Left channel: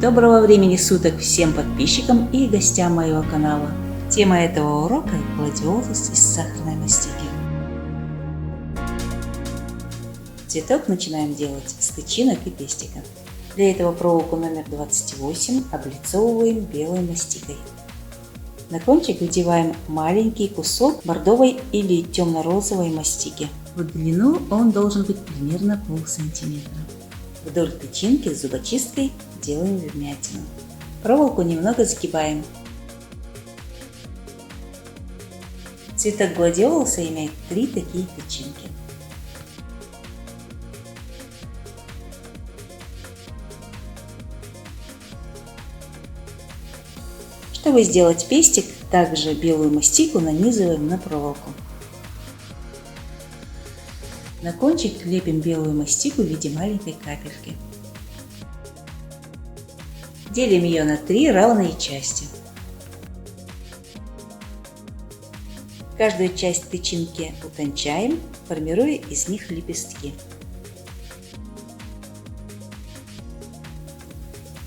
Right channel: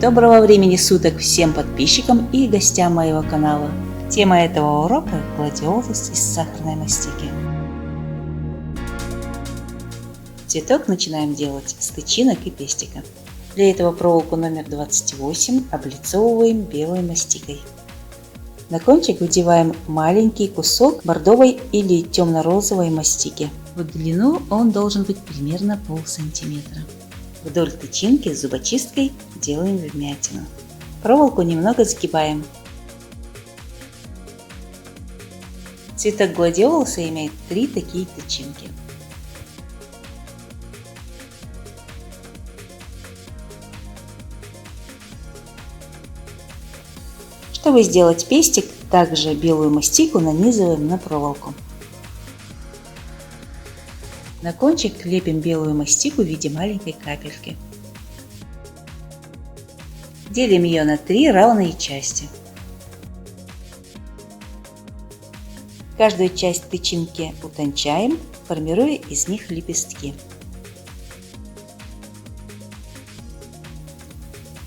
Доброго времени суток всем подписчикам и гостям моего канала. Тема этого урока – гладиолус из сахарной мастики. Цветок начинаем делать с тычинок и пестика. Для этого проволоку номер 28 облицовываем белой мастикой. На кончик выдеваем маленький кусок бордовой или темно-розовой мастики. В длину он должен быть примерно полсантиметра. Вдоль тычинки с зубочисткой делаем вмятину. Проволоку немного загибаем. Цветок гладиолуса имеет 3 такие тычинки. Чтобы сделать пестик, также белую мастику нанизываем на проволоку. На кончик лепим белую мастику в виде маленькой капельки. Делим ее на 3 равные части. Каждую часть тычинки утончаем, формируя из них лепестки.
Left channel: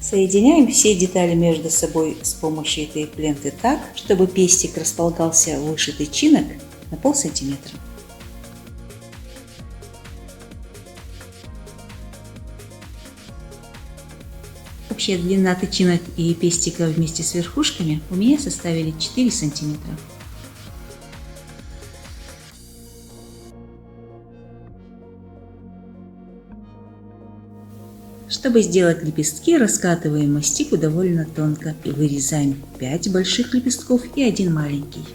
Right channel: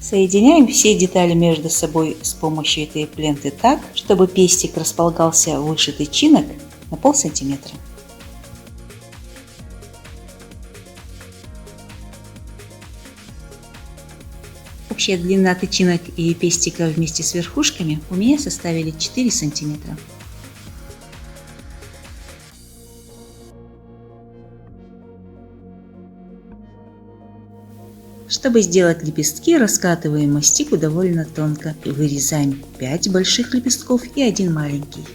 Соединяем все детали между собой с помощью этой ленты так, чтобы пестик располагался выше тычинок на полсантиметра. Общая длина тычинок и пестика вместе с верхушками у меня составили 4 сантиметра. Чтобы сделать лепестки, раскатываем мастику довольно тонко и вырезаем 5 больших лепестков и 1 маленький.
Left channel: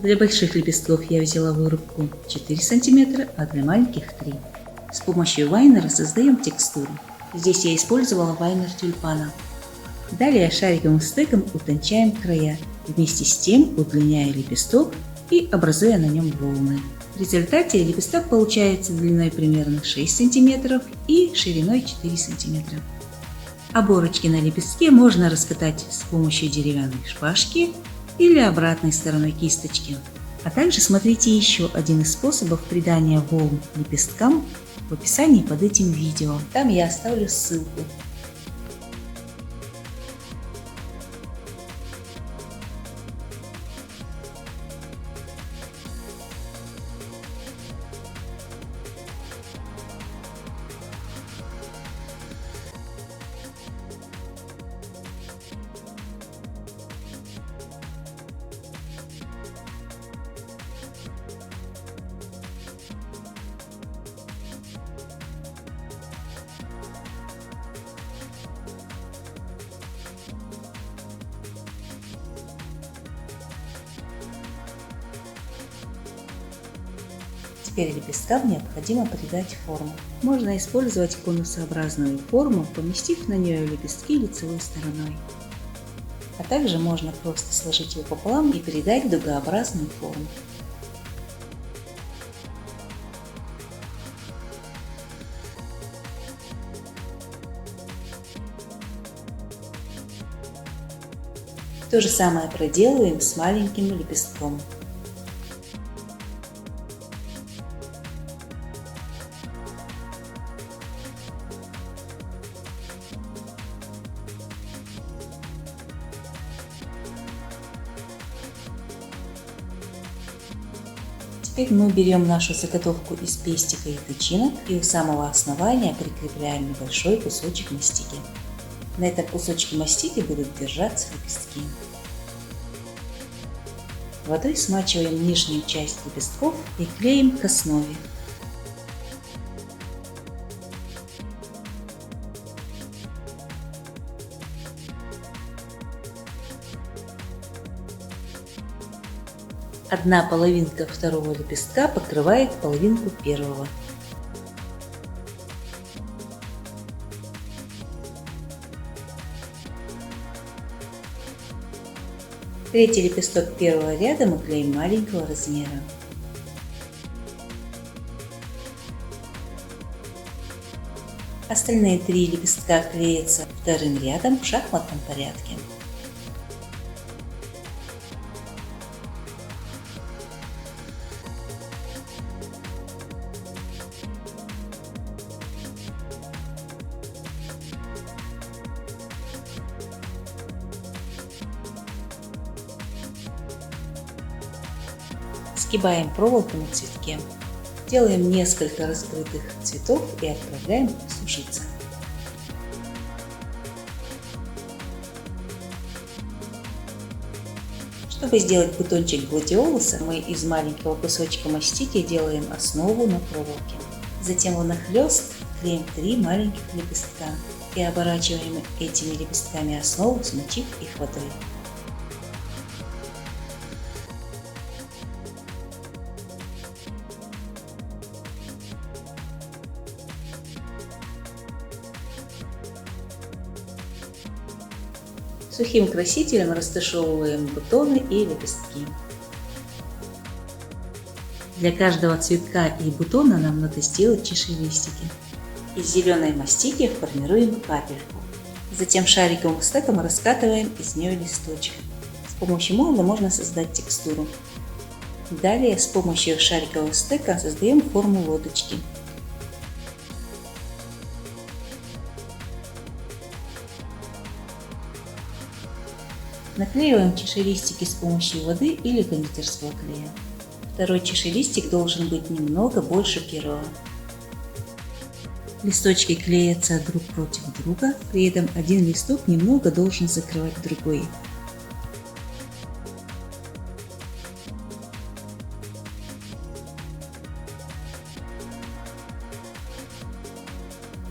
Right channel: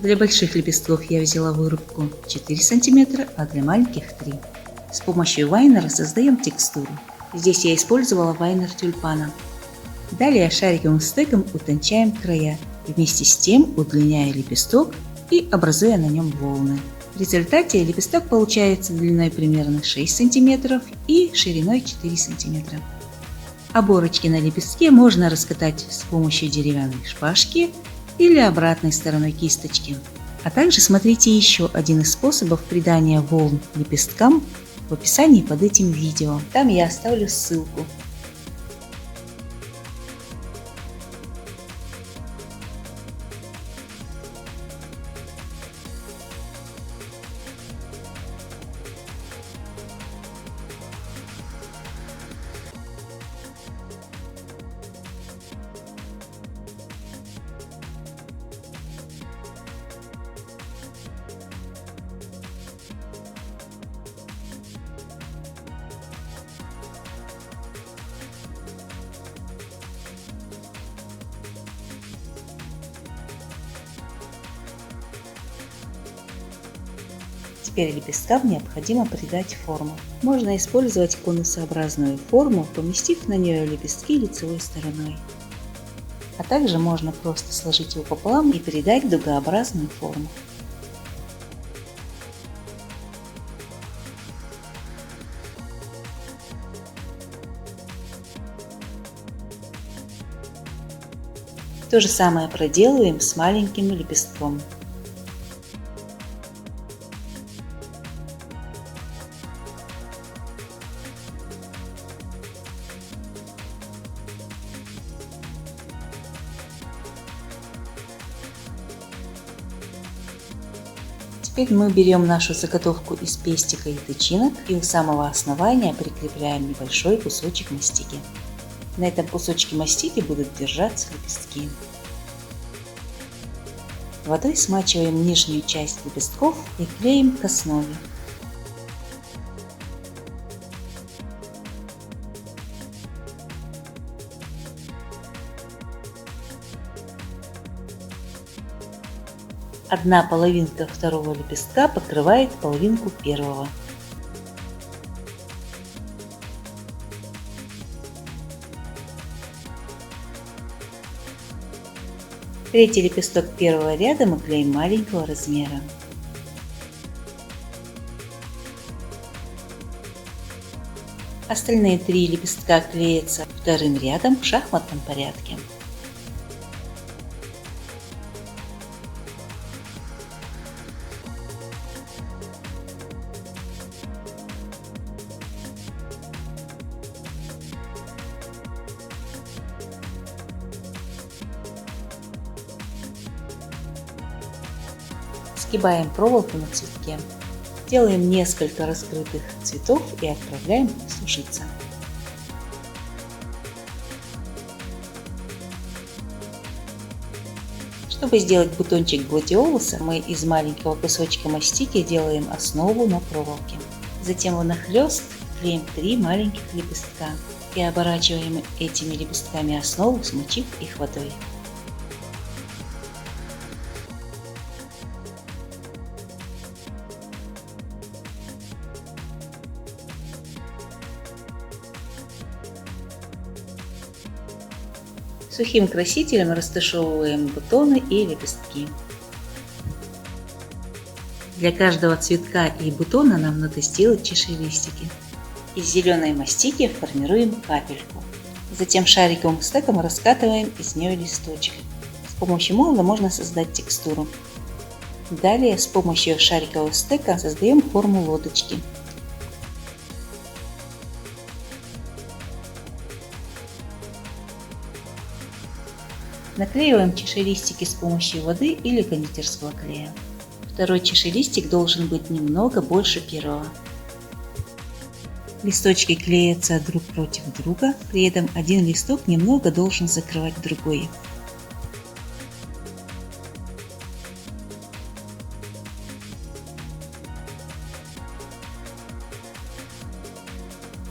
Для больших лепестков я взяла вырубку 4 см, а для маленьких 3. С помощью вайнера создаем текстуру. Здесь я использовала вайнер тюльпана. Далее шариковым стеком утончаем края, вместе с тем удлиняя лепесток и образуя на нем волны. В результате лепесток получается длиной примерно 6 см и шириной 4 см. Оборочки на лепестке можно раскатать с помощью деревянной шпажки или обратной стороной кисточки. А также смотрите еще один из способов придания волн лепесткам в описании под этим видео. Там я оставлю ссылку. Теперь лепесткам необходимо придать форму. Можно использовать конусообразную форму, поместив на нее лепестки лицевой стороной. А также можно просто сложить его пополам и придать дугообразную форму. То же самое проделываем с маленьким лепестком. Теперь мы берем нашу заготовку из пестика и тычинок и у самого основания прикрепляем небольшой кусочек мастики. На этом кусочке мастики будут держаться лепестки. Водой смачиваем нижнюю часть лепестков и клеим к основе. Одна половинка второго лепестка покрывает половинку первого. Третий лепесток первого ряда мы клеим маленького размера. Остальные 3 лепестка клеятся вторым рядом в шахматном порядке. Сгибаем проволоку на цветке. Делаем несколько раскрытых цветов и отправляем сушиться. Чтобы сделать бутончик гладиолуса, мы из маленького кусочка мастики делаем основу на проволоке. Затем внахлёст клеим 3 маленьких лепестка и оборачиваем этими лепестками основу, смочив их водой. Сухим красителем растушевываем бутоны и лепестки. Для каждого цветка и бутона нам надо сделать чашелистики. Из зеленой мастики формируем капельку. Затем шариковым стеком раскатываем из нее листочек. С помощью молда можно создать текстуру. Далее с помощью шарикового стека создаем форму лодочки. Наклеиваем чашелистики с помощью воды или кондитерского клея. Второй чашелистик должен быть немного больше первого. Листочки клеятся друг против друга, при этом один листок немного должен закрывать другой.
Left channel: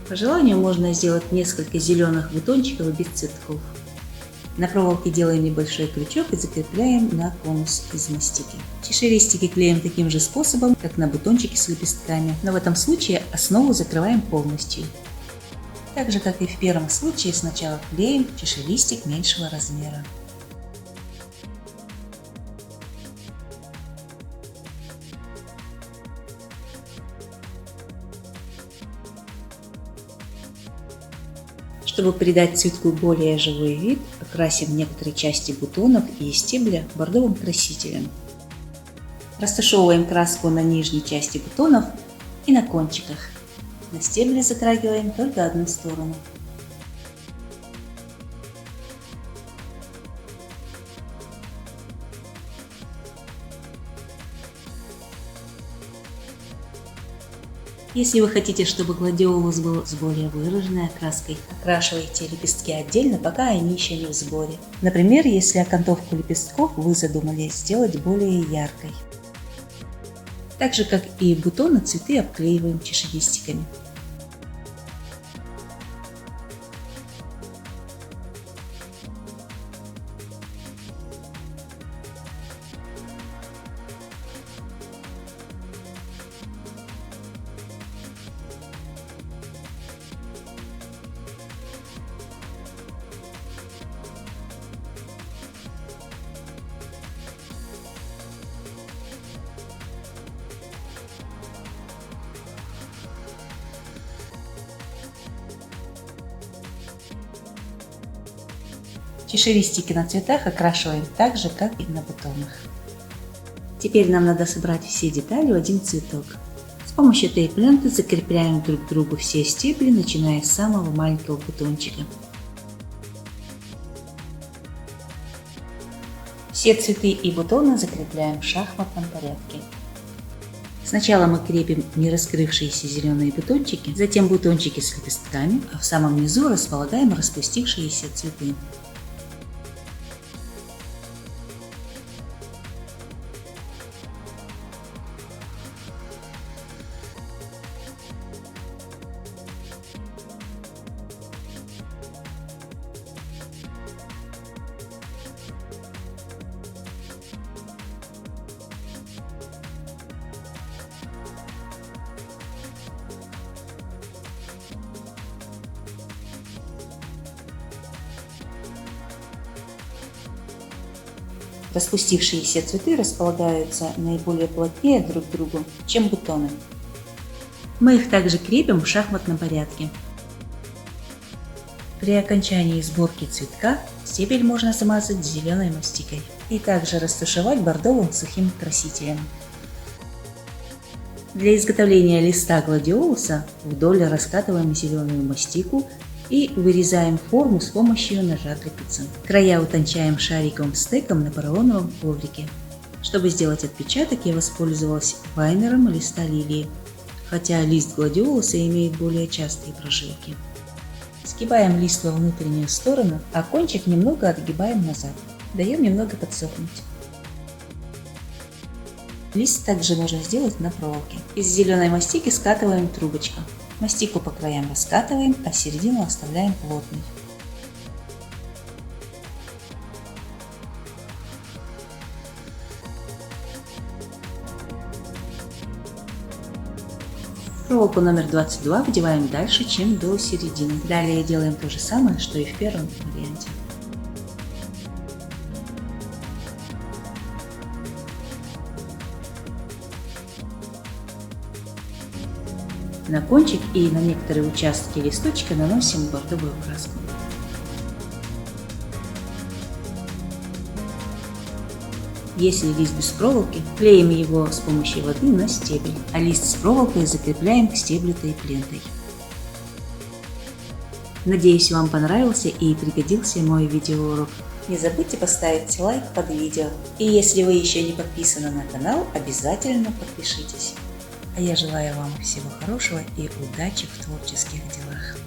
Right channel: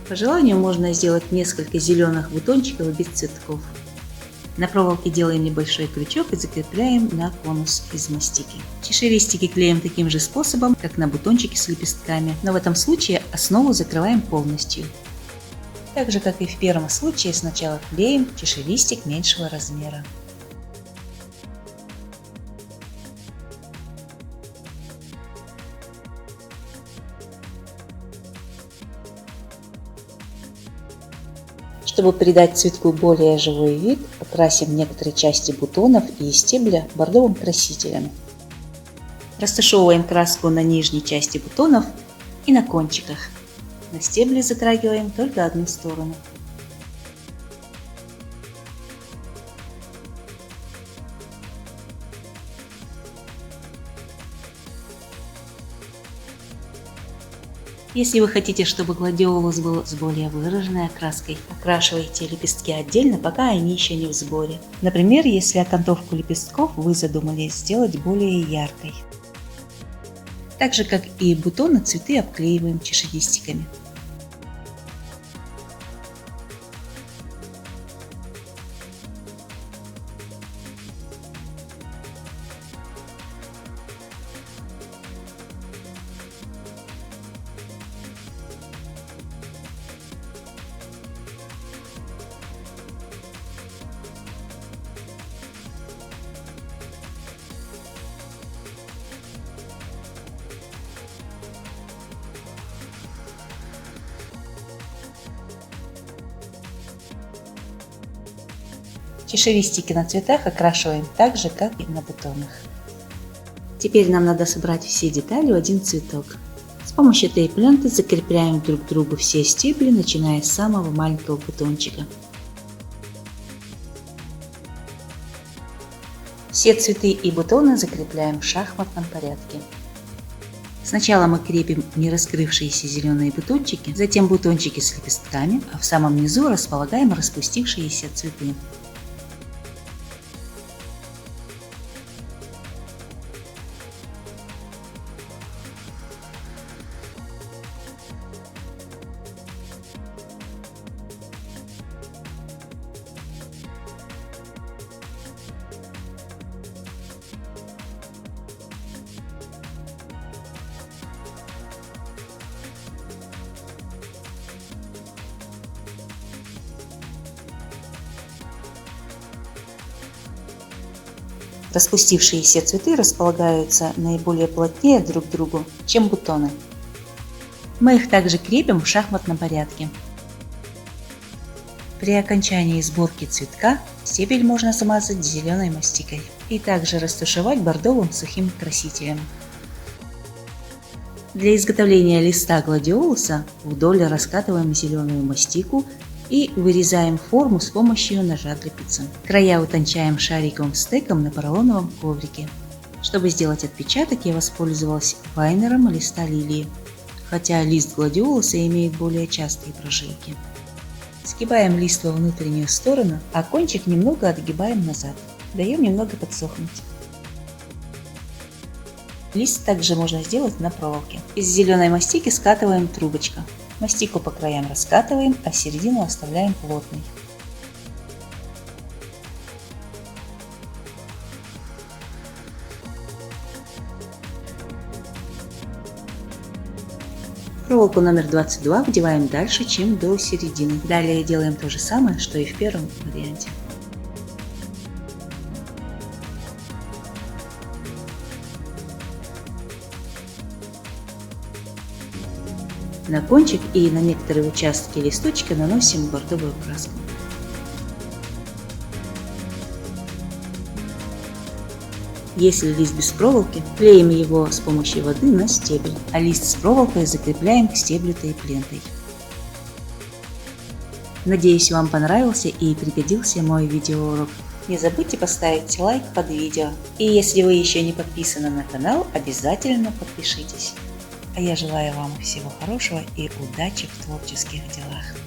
По желанию можно сделать несколько зеленых бутончиков без цветков. На проволоке делаем небольшой крючок и закрепляем на конус из мастики. Чашелистики клеим таким же способом, как на бутончике с лепестками, но в этом случае основу закрываем полностью. Так же, как и в первом случае, сначала клеим чашелистик меньшего размера. Чтобы придать цветку более живой вид, окрасим некоторые части бутонов и стебля бордовым красителем. Растушевываем краску на нижней части бутонов и на кончиках. На стебле затрагиваем только одну сторону. Если вы хотите, чтобы гладиолус был с более выраженной окраской, окрашивайте лепестки отдельно, пока они еще не в сборе. Например, если окантовку лепестков вы задумали сделать более яркой. Так же, как и бутоны, цветы обклеиваем чашелистиками. Чашелистики на цветах окрашиваем так же, как и на бутонах. Теперь нам надо собрать все детали в один цветок. С помощью тейп-ленты закрепляем друг к другу все стебли, начиная с самого маленького бутончика. Все цветы и бутоны закрепляем в шахматном порядке. Сначала мы крепим не раскрывшиеся зеленые бутончики, затем бутончики с лепестками, а в самом низу располагаем распустившиеся цветы. Распустившиеся цветы располагаются наиболее плотнее друг к другу, чем бутоны. Мы их также крепим в шахматном порядке. При окончании сборки цветка стебель можно смазать зеленой мастикой и также растушевать бордовым сухим красителем. Для изготовления листа гладиолуса вдоль раскатываем зеленую мастику и вырезаем форму с помощью ножа для пиццы. Края утончаем шариковым стеком на поролоновом коврике. Чтобы сделать отпечаток, я воспользовалась лайнером листа лилии, хотя лист гладиолуса имеет более частые прожилки. Сгибаем лист во внутреннюю сторону, а кончик немного отгибаем назад. Даем немного подсохнуть. Лист также можно сделать на проволоке. Из зеленой мастики скатываем трубочку. Мастику по краям раскатываем, а середину оставляем плотной. Проволоку номер 22 вдеваем дальше, чем до середины. Далее делаем то же самое, что и в первом варианте. На кончик и на некоторые участки листочка наносим бордовую краску. Если лист без проволоки, клеим его с помощью воды на стебель, а лист с проволокой закрепляем к стеблю тейп-лентой. Надеюсь, вам понравился и пригодился мой видеоурок. Не забудьте поставить лайк под видео. И если вы еще не подписаны на канал, обязательно подпишитесь. А я желаю вам всего хорошего и удачи в творческих делах.